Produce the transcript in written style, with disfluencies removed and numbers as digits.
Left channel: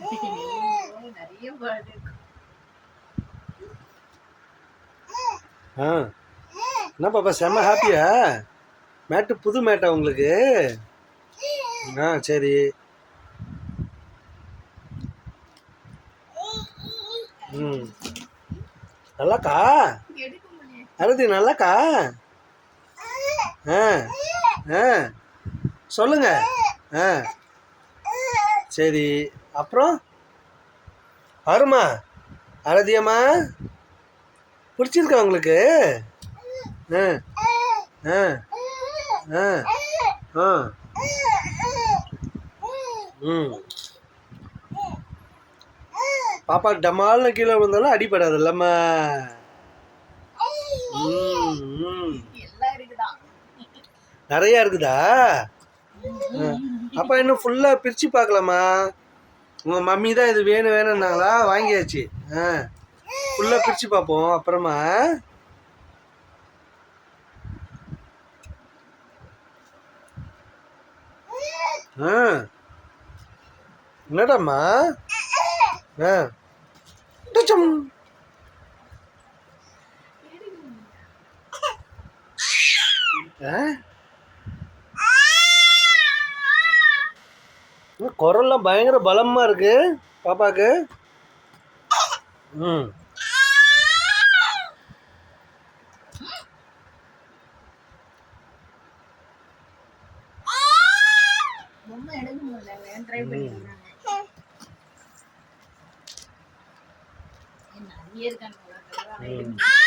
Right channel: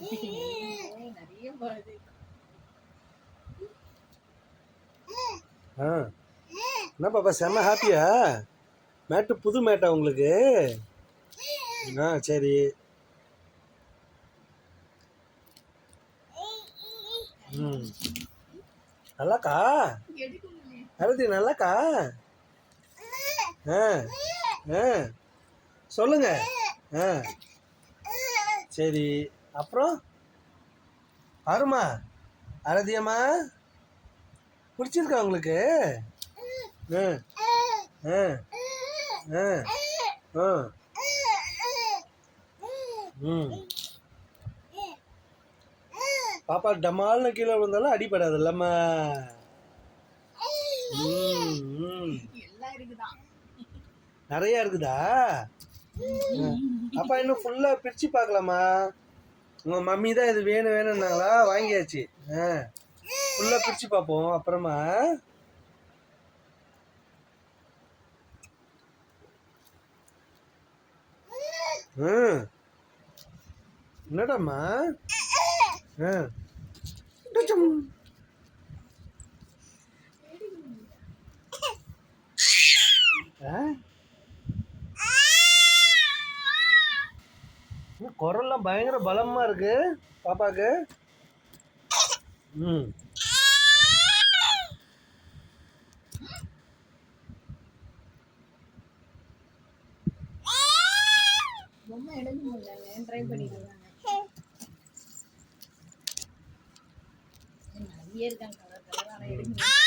நிறைய பாடு. என்ன பாப்பா செம்ம ஹாப்பியா? மேட்டு புது மேட்டா உங்களுக்கு? சரி. நல்லாக்கா அரதி, நல்லாக்கா? சொல்லுங்க. சரி, அப்புறம் வருமா அரதியம்மா? பிடிச்சிருக்கா உங்களுக்கு? பாப்பா டமால்னு கீழே விழுந்தாலும் அடிபடாது இல்லம்மா? நிறைய இருக்குதா? அப்பா இன்னும் ஃபுல்லா பிரிச்சு பார்க்கலாமா? உங்க மம்மி தான் இது வேணும் வேணும்னாங்களா? வாங்கியாச்சு. ஃபுல்லா பிரிச்சு பார்ப்போம் அப்புறமா. என்னடாம்மா? குரல்லாம் பயங்கர பலமா இருக்கு பாப்பாக்கு. பொம்மை எடுக்க முடியல, ட்ரை பண்ணிடுறாங்க. என்ன இருக்காங்க